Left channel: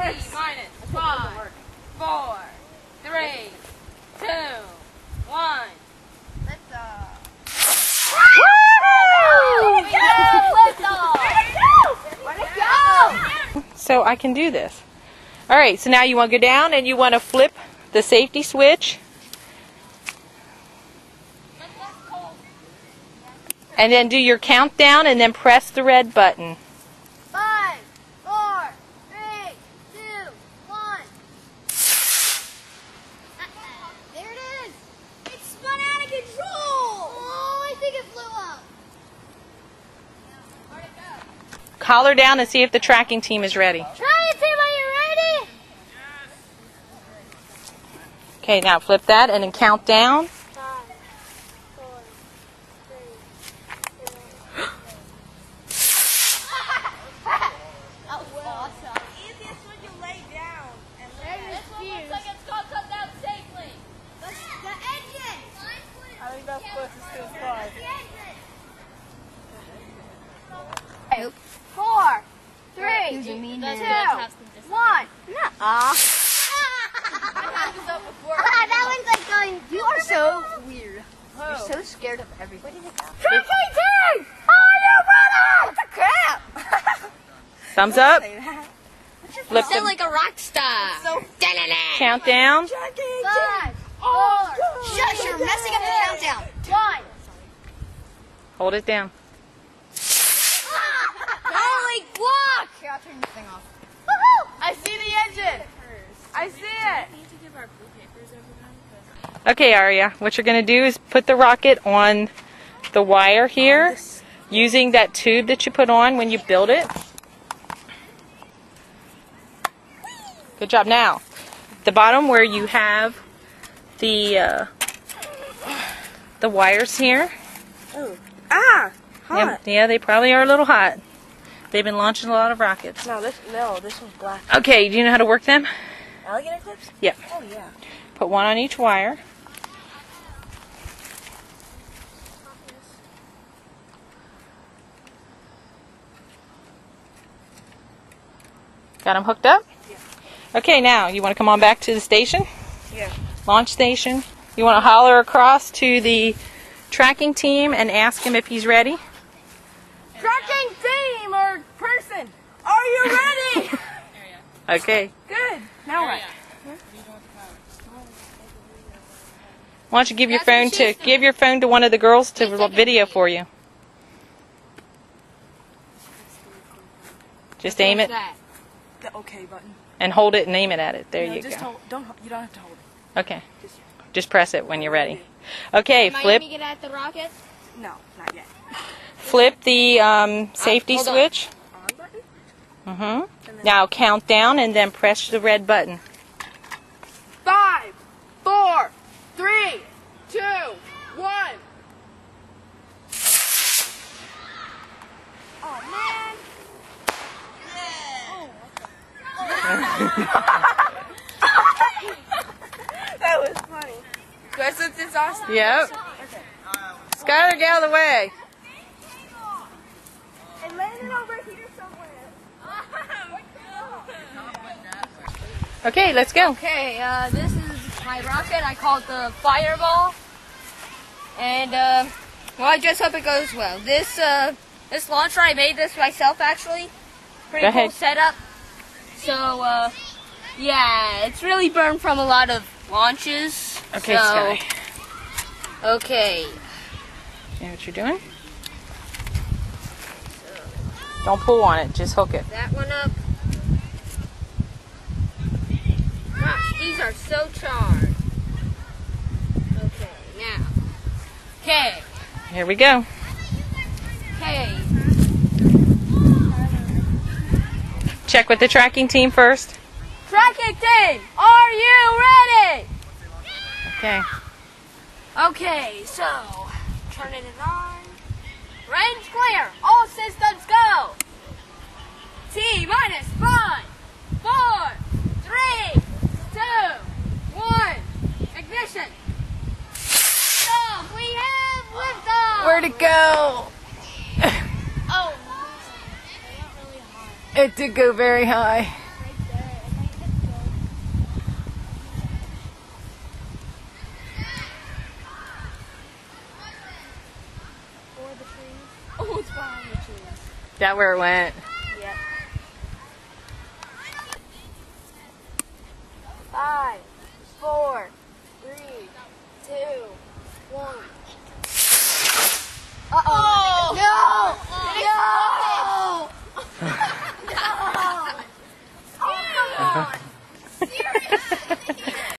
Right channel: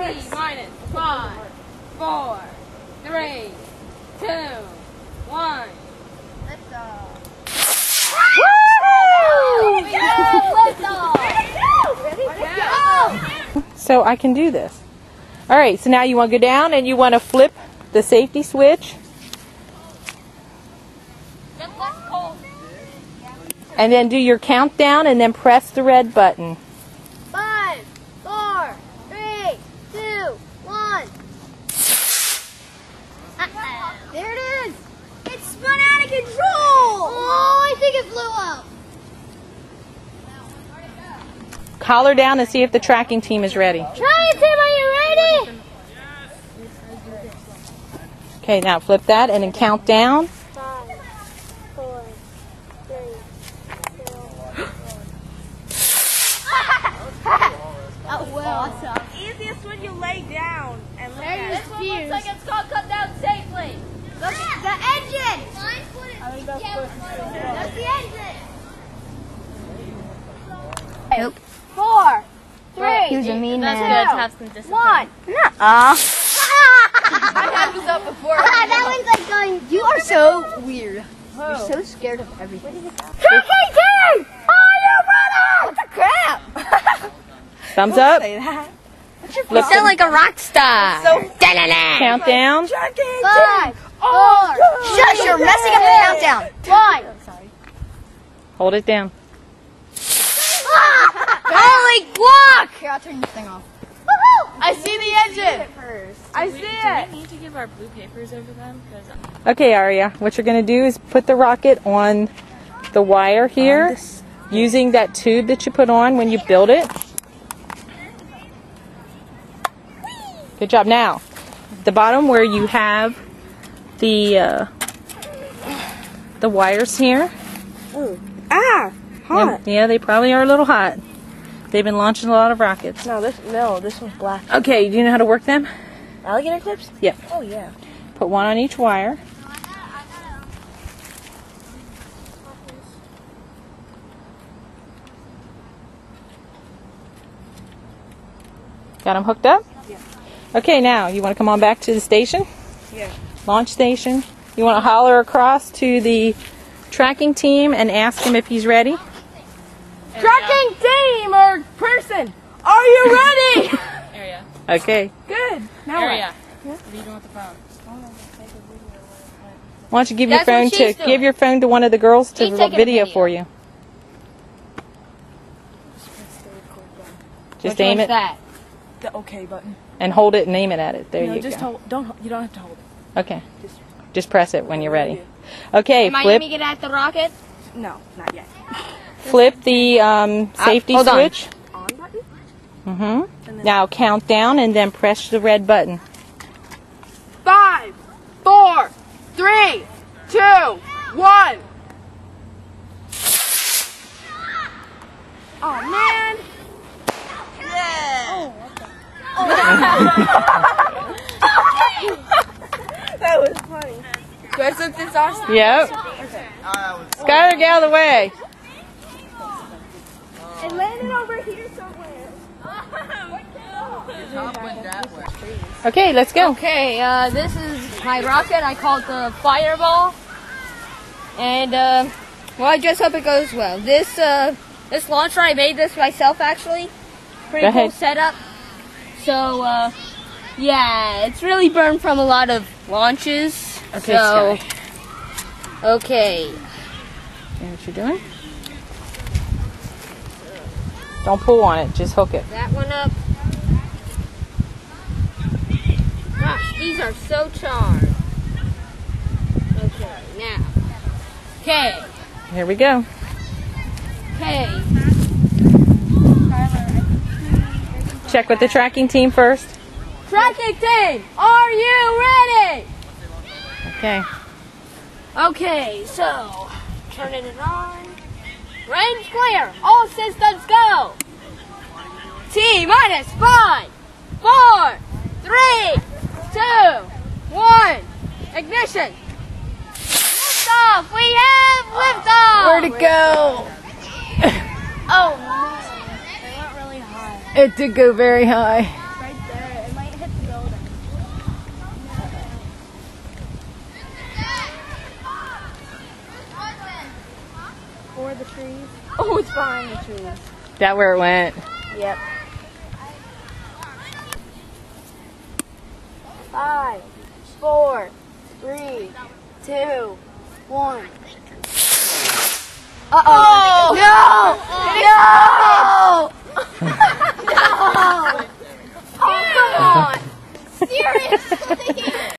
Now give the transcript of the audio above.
T minus 5, 4, 3, 2, 1. Lift off. So I can do this. All right, so now you want to go down and you want to flip the safety switch. And then do your countdown and then press the red button. 5, 4, 3, 2, 1. There it is. It spun out of control. Oh, I think it blew up. Collar down and see if the tracking team is ready. Try it, Tim. Are you ready? Okay, now flip that and then count down. 5, 4, 3, 2, 1. Oh, well. Awesome. Easiest when you lay down. And look There at is fuse. Looks like it's called come down safely. Look at the engine. I think that's That's the engine. 4, 3, 2, 1. That one's like going. You are so weird. You're so scared of everything. Where did it go? Tracking team! Are you ready? What the crap? Thumbs up. You sound like a rock star. Count down. 5, 4. Shush! You're messing up the countdown. 1. Hold it down. Holy guac! Here, I'll turn this thing off. Woohoo! I see the engine. I see it. Do we need to give our blue papers over them? Okay, Aria, what you're going to do is put the rocket on the wire here using that tube that you put on when you build it. Good job. Now, the bottom where you have the wires here. Oh. Ah! Hot. Yeah, they probably are a little hot. They've been launching a lot of rockets. No, this one's black. Okay, do you know how to work them? Alligator clips? Yeah. Oh yeah. Put one on each wire. Got them hooked up? Yeah. Okay, now you want to come on back to the station? Yeah. Launch station. You want to holler across to the tracking team and ask him if he's ready? Tracking team or person, are you ready? Area. Okay. Good. Now what? Area. What are you doing with the phone? Why don't you give your That's what phone to she's doing. give your phone to one of the girls to She's taking a video video. for you. Just aim it That. The OK button. and hold it and aim it at it. There No, you just go. hold. You don't have to hold it. Okay. Just Just press it when you're ready. Okay, Am I flip aiming it at the rocket? no, not yet. flip the safety hold on. switch. On button. Mm-hmm. Now count down and then press the red button. 5, 4, 3, 2, 1. Oh man. Yeah. That was funny. Do I slip this off? Yep. Okay. Skylar, get out of the way. It landed over here somewhere. Okay, let's go. Okay, this is my rocket. I call it the Fireball. And, well, I just hope it goes well. This launcher, I made this myself, actually. Pretty Go cool ahead. setup. So, yeah, it's really burned from a lot of launches. Okay, so, Sky. okay. See what you're doing? Don't pull on it, just hook it. That one up. Gosh, these are so charred. Okay, now. Okay, Here we go. okay. Check with the tracking team first. Tracking team, are you ready? Okay. Okay, so, turning it on. Range clear. All systems go. T minus 5, 4, 3, 2, 1. Ignition. Liftoff. We have liftoff. Where'd it go? Oh, no. They went really high. It did go very high. Right there. trees. Oh, it's behind the trees. Is that where it went? Yep. 5, 4, 3, 2, 1. Uh-oh. No! No! No! Oh, come on! Seriously?